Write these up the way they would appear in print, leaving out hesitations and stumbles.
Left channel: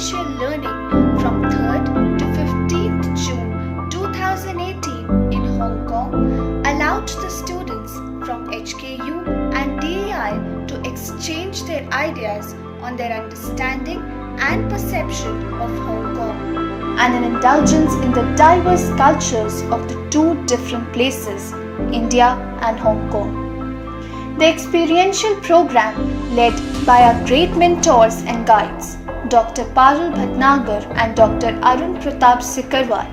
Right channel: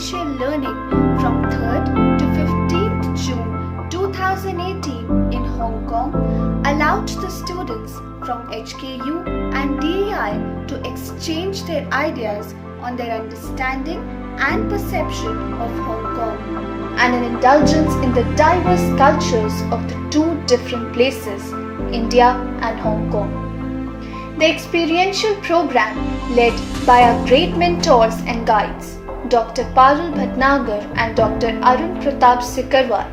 experiential learning from 3rd to 15th June 2018 in Hong Kong allowed the students from HKU and DEI to exchange their ideas on their understanding and perception of Hong Kong, and an indulgence in the diverse cultures of the two different places, India and Hong Kong. The experiential program, led by our great mentors and guides, Dr. Parul Bhatnagar and Dr. Arun Pratap Sikarwar,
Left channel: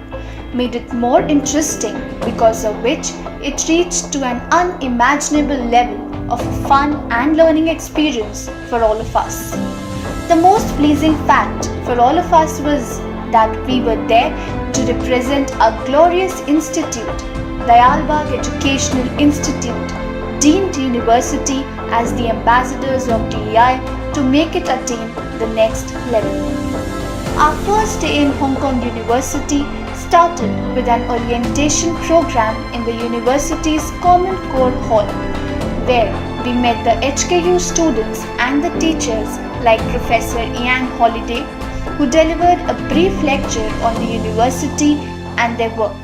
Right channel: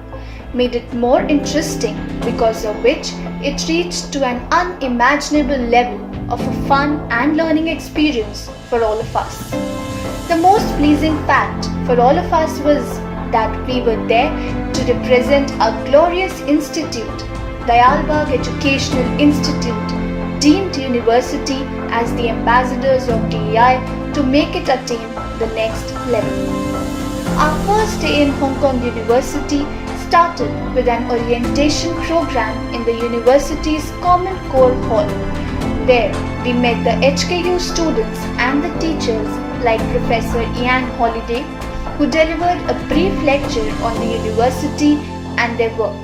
made it more interesting, because of which it reached to an unimaginable level of a fun and learning experience for all of us. The most pleasing fact for all of us was that we were there to represent our glorious institute, Dayalbagh Educational Institute, deemed university as the ambassadors of DEI to make it attain the next level. Our first day in Hong Kong University started with an orientation program in the university's Common Core Hall, where we met the HKU students and the teachers like Professor Ian Holliday, who delivered a brief lecture on the university and their work,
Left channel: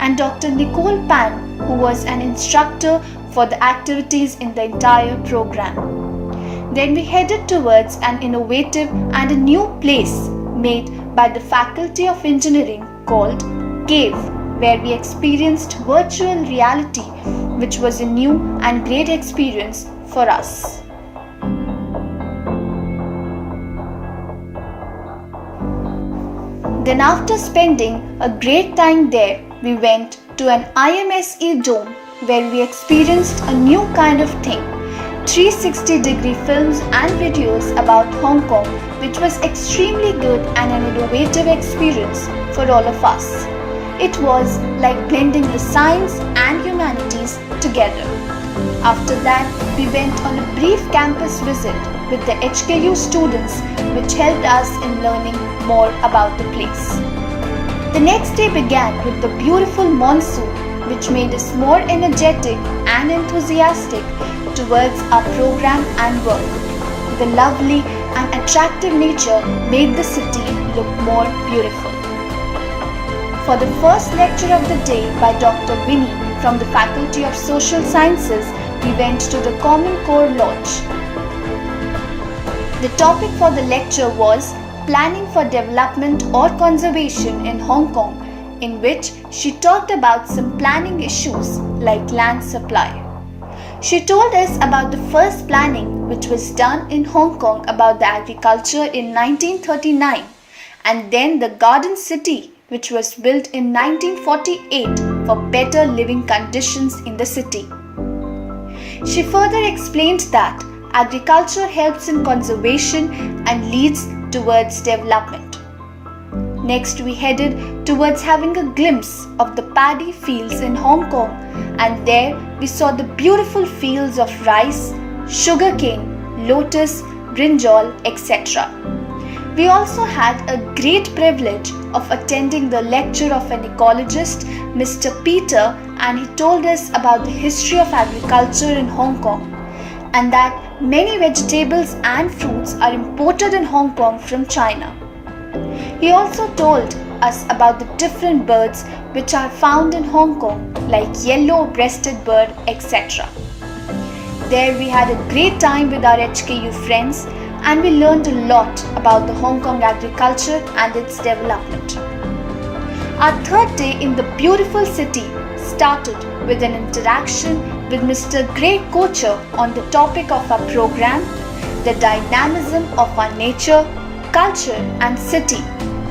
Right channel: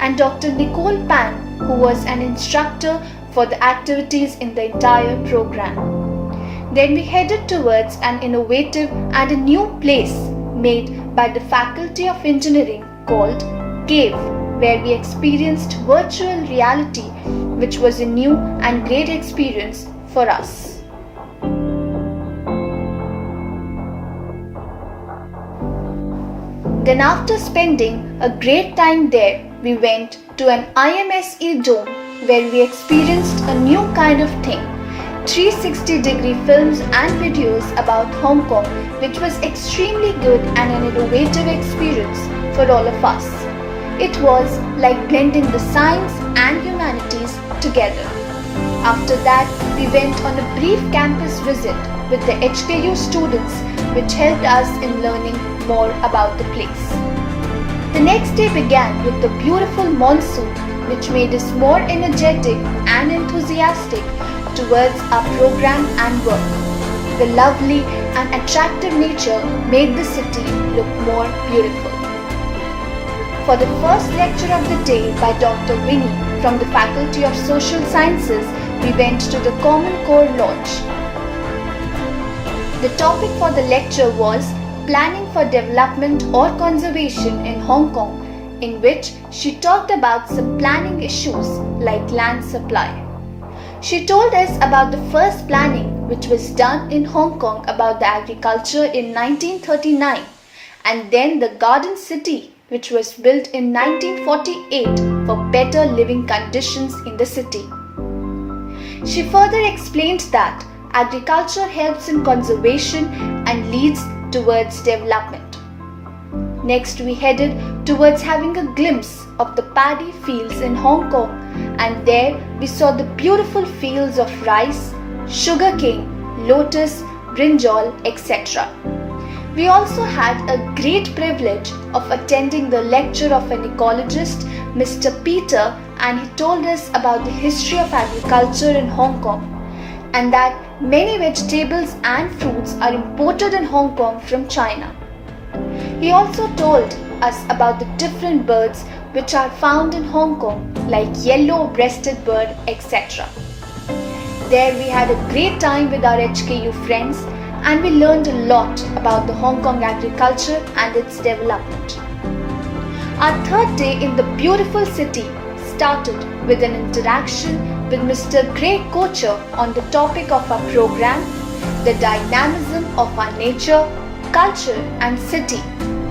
and Dr. Nicole Pan, who was an instructor for the activities in the entire program. Then we headed towards an innovative and a new place made by the Faculty of Engineering called Cave, where we experienced virtual reality, which was a new and great experience for us. Then after spending a great time there, we went to an IMSE dome where we experienced a new kind of thing, 360-degree films and videos about Hong Kong, which was extremely good and an innovative experience for all of us. It was like blending the science and humanities together. After that, we went on a brief campus visit with the HKU students, which helped us in learning more about the place. The next day began with the beautiful monsoon, which made us more energetic and enthusiastic towards our program and work. The lovely and attractive nature made the city look more beautiful. For the first lecture of the day by Dr. Winnie from the Faculty of Social Sciences, we went to the Common Core Lodge. The topic for the lecture was Planning for Development or Conservation in Hong Kong, in which she talked about some planning issues like land supply. She told us about the first planning which was done in Hong Kong about the agriculture in 1939, and then the Garden City which was built in 1948 for better living conditions in the city. She further explained that agriculture helps in conservation and leads towards development. Next, we headed towards having a glimpse of the paddy fields in Hong Kong, and there we saw the beautiful fields of rice, sugarcane, lotus, brinjal, etc. We also had a great privilege of attending the lecture of an ecologist, Mr. Peter, and he told us about the history of agriculture in Hong Kong, and that many vegetables and fruits are imported in Hong Kong from China. He also told us about the different birds which are found in Hong Kong, like yellow-breasted bird, etc. There we had a great time with our HKU friends, and we learned a lot about the Hong Kong agriculture and its development. Our third day in the beautiful city started with an interaction with Mr. Gray Kocher on the topic of our program, the dynamism of our nature, culture and city,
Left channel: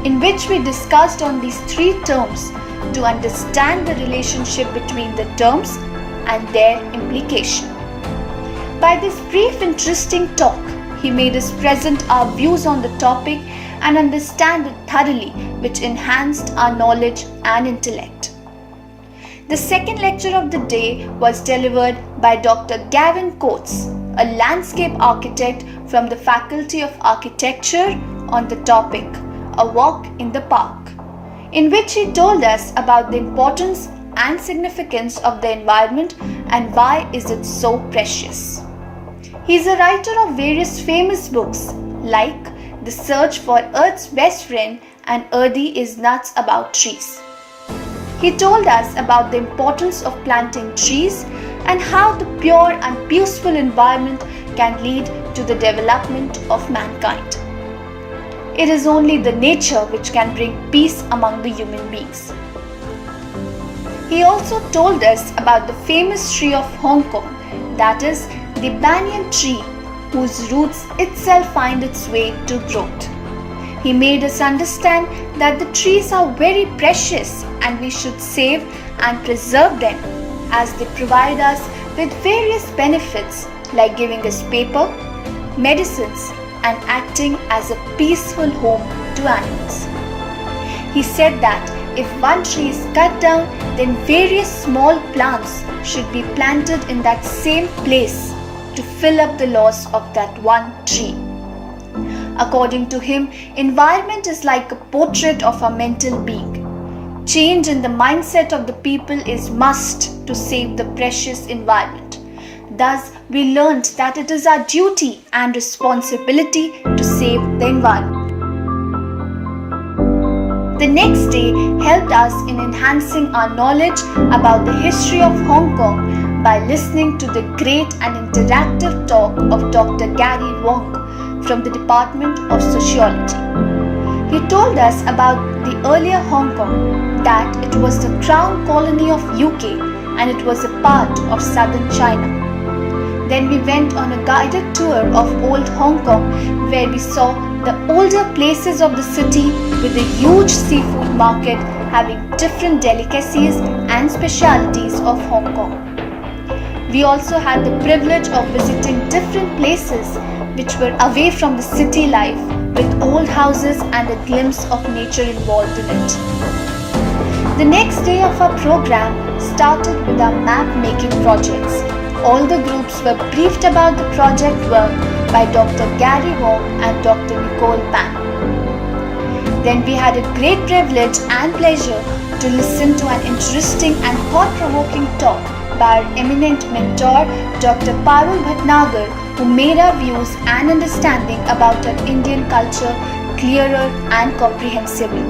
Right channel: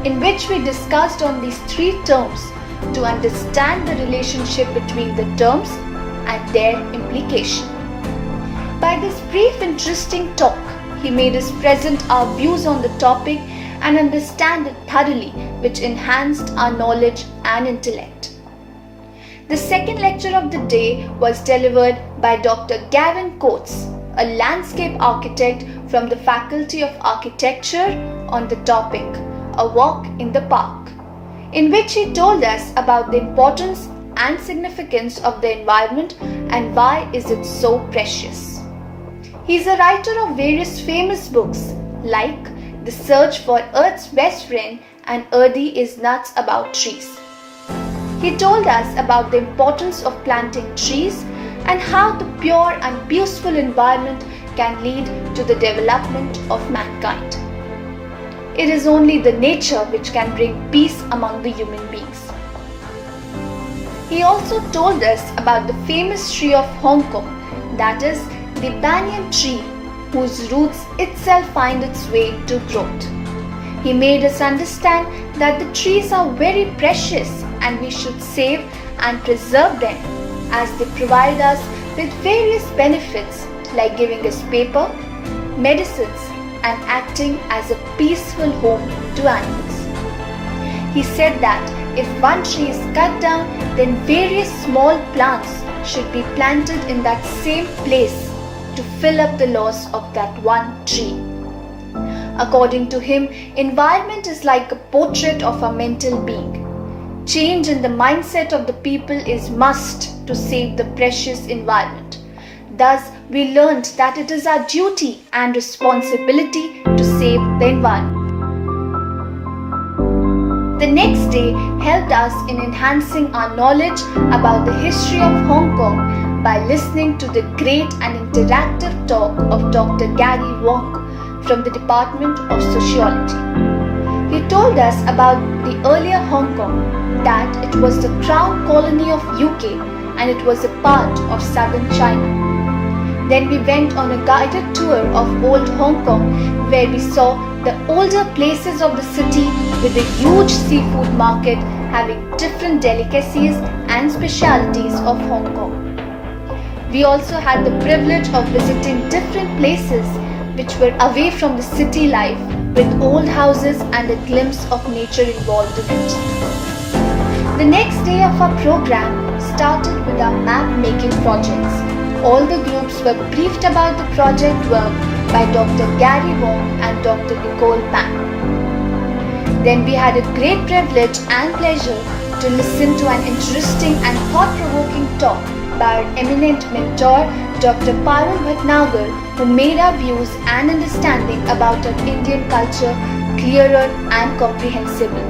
in which we discussed on these three terms to understand the relationship between the terms and their implication. By this brief interesting talk, he made us present our views on the topic and understand it thoroughly, which enhanced our knowledge and intellect. The second lecture of the day was delivered by Dr. Gavin Coates, a landscape architect from the Faculty of Architecture, on the topic, A Walk in the Park, in which he told us about the importance and significance of the environment and why is it so precious. He is a writer of various famous books like The Search for Earth's Best Friend, and Earthy is Nuts About Trees. He told us about the importance of planting trees and how the pure and peaceful environment can lead to the development of mankind. It is only the nature which can bring peace among the human beings. He also told us about the famous tree of Hong Kong, that is the banyan tree, whose roots itself find its way to growth. He made us understand that the trees are very precious and we should save and preserve them, as they provide us with various benefits like giving us paper, medicines, and acting as a peaceful home to animals. He said that if one tree is cut down, then various small plants should be planted in that same place to fill up the loss of that one tree. According to him, environment is like a portrait of a mental being. Change in the mindset of the people is must to save the precious environment. Thus, we learned that it is our duty and responsibility to save the environment. The next day helped us in enhancing our knowledge about the history of Hong Kong by listening to the great and interactive talk of Dr. Gary Wong from the Department of Sociology. He told us about the earlier Hong Kong, that it was the crown colony of UK and it was a part of southern China. Then we went on a guided tour of old Hong Kong, where we saw the older places of the city with a huge seafood market having different delicacies and specialities of Hong Kong. We also had the privilege of visiting different places which were away from the city life, with old houses and a glimpse of nature involved in it. The next day of our program started with our map making projects. All the groups were briefed about the project work by Dr. Gary Wong and Dr. Nicole Pan. Then we had a great privilege and pleasure to listen to an interesting and thought-provoking talk by our eminent mentor, Dr. Parul Bhatnagar, who made our views and understanding about our Indian culture clearer and comprehensible.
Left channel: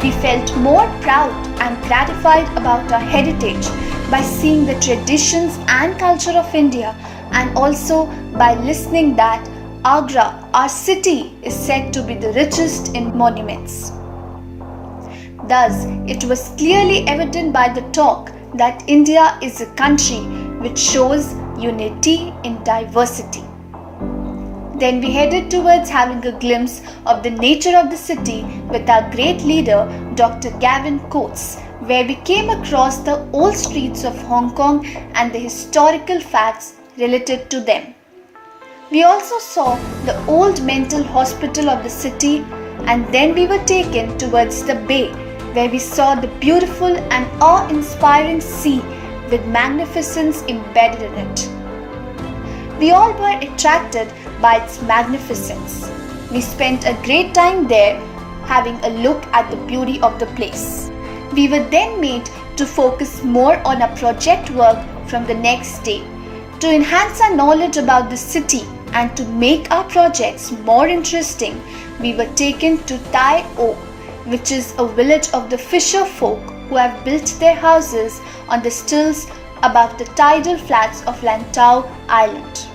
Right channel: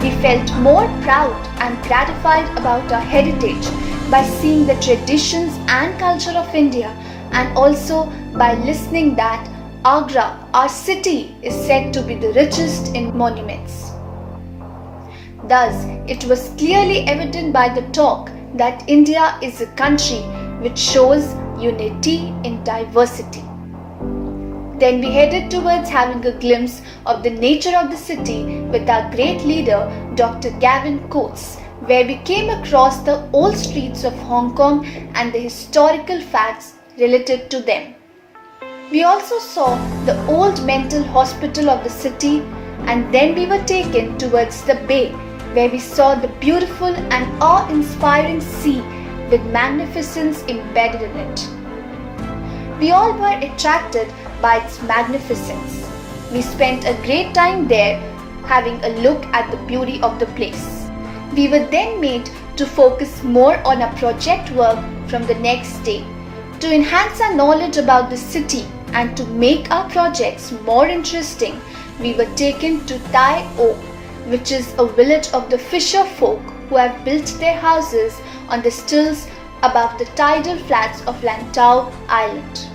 We felt more proud and gratified about our heritage by seeing the traditions and culture of India, and also by listening that Agra, our city, is said to be the richest in monuments. Thus, it was clearly evident by the talk that India is a country which shows unity in diversity. Then we headed towards having a glimpse of the nature of the city with our great leader, Dr. Gavin Coates, where we came across the old streets of Hong Kong and the historical facts related to them. We also saw the old mental hospital of the city, and then we were taken towards the bay, where we saw the beautiful and awe-inspiring sea with magnificence embedded in it. We all were attracted by its magnificence. We spent a great time there having a look at the beauty of the place. We were then made to focus more on our project work from the next day. To enhance our knowledge about the city and to make our projects more interesting, we were taken to Tai O, which is a village of the fisher folk who have built their houses on the stilts above the tidal flats of Lantau Island.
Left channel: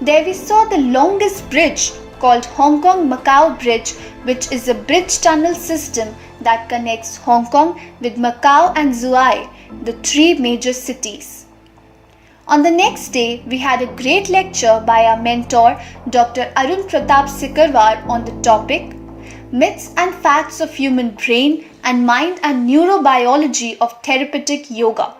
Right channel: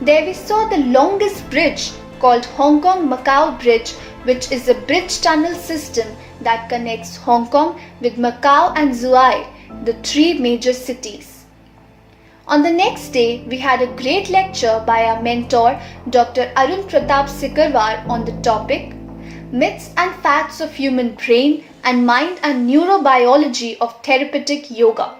There we saw the longest bridge called Hong Kong-Macau Bridge, which is a bridge tunnel system that connects Hong Kong with Macau and Zhuhai, the three major cities. On the next day, we had a great lecture by our mentor, Dr. Arun Pratap Sikarwar, on the topic Myths and Facts of Human Brain and Mind and Neurobiology of Therapeutic Yoga,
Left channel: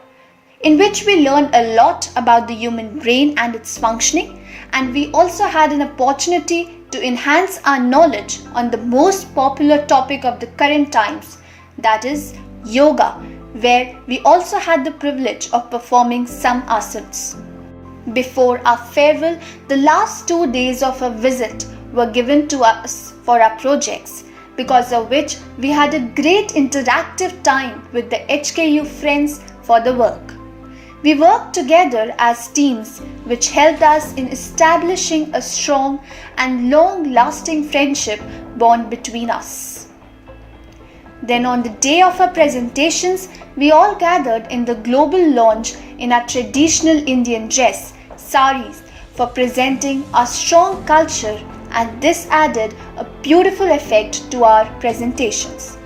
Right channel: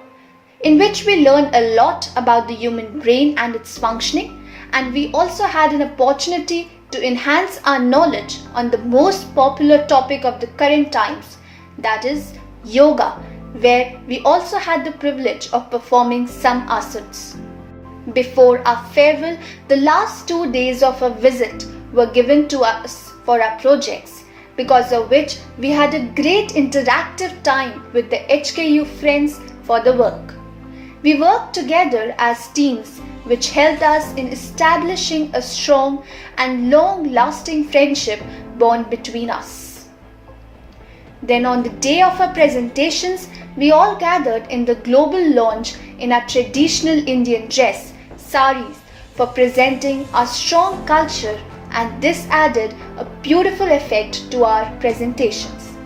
in which we learned a lot about the human brain and its functioning, and we also had an opportunity to enhance our knowledge on the most popular topic of the current times, that is yoga, where we also had the privilege of performing some asanas. Before our farewell, the last 2 days of our visit were given to us for our projects, because of which we had a great interactive time with the HKU friends for the work. We worked together as teams, which helped us in establishing a strong and long-lasting friendship bond between us. Then on the day of our presentations, we all gathered in the global launch in our traditional Indian dress, saris, for presenting our strong culture, and this added a beautiful effect to our presentations.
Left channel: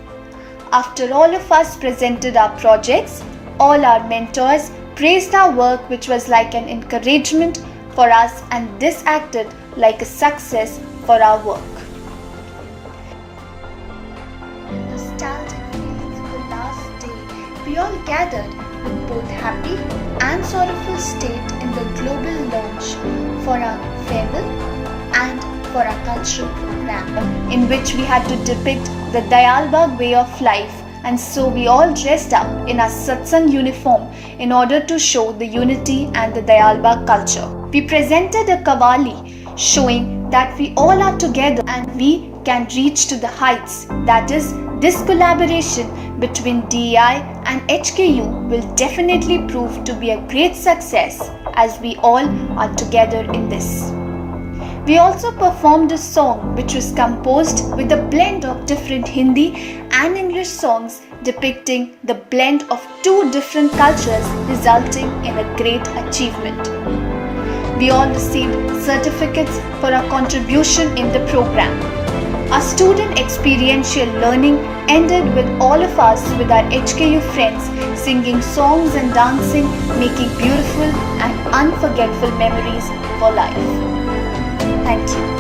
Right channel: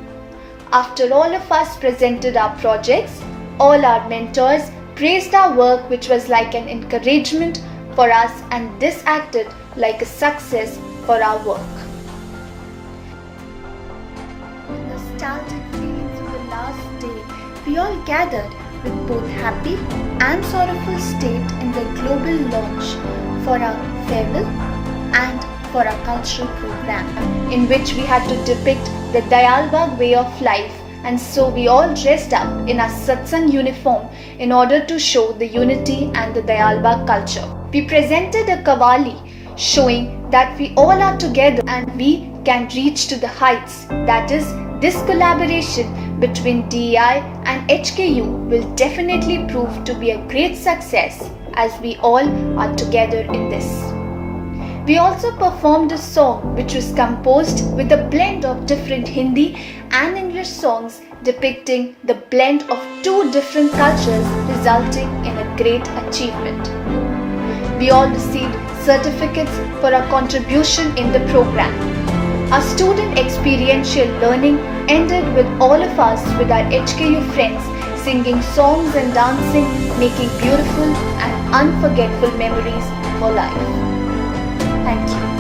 After all of us presented our projects, all our mentors praised our work, which was like an encouragement for us, and this acted like a success for our work. Nostalgic feelings of the last day, we all gathered with both happy and sorrowful state in the global launch for our farewell and for our cultural program, in which we had to depict the Dayalbagh way of life, and so we all dressed up in our satsang uniform in order to show the unity and the Dayalbagh culture. We presented a kavali showing that we all are together and we can reach to the heights. That is, this collaboration between DEI and HKU will definitely prove to be a great success as we all are together in this. We also performed a song which was composed with a blend of different Hindi and English songs depicting the blend of two different cultures, resulting in a great achievement. We all received certificates for our contribution in the program. Our student experiential learning ended with all of us with our HKU friends singing songs and dancing, making beautiful and unforgettable memories for life. Thank you.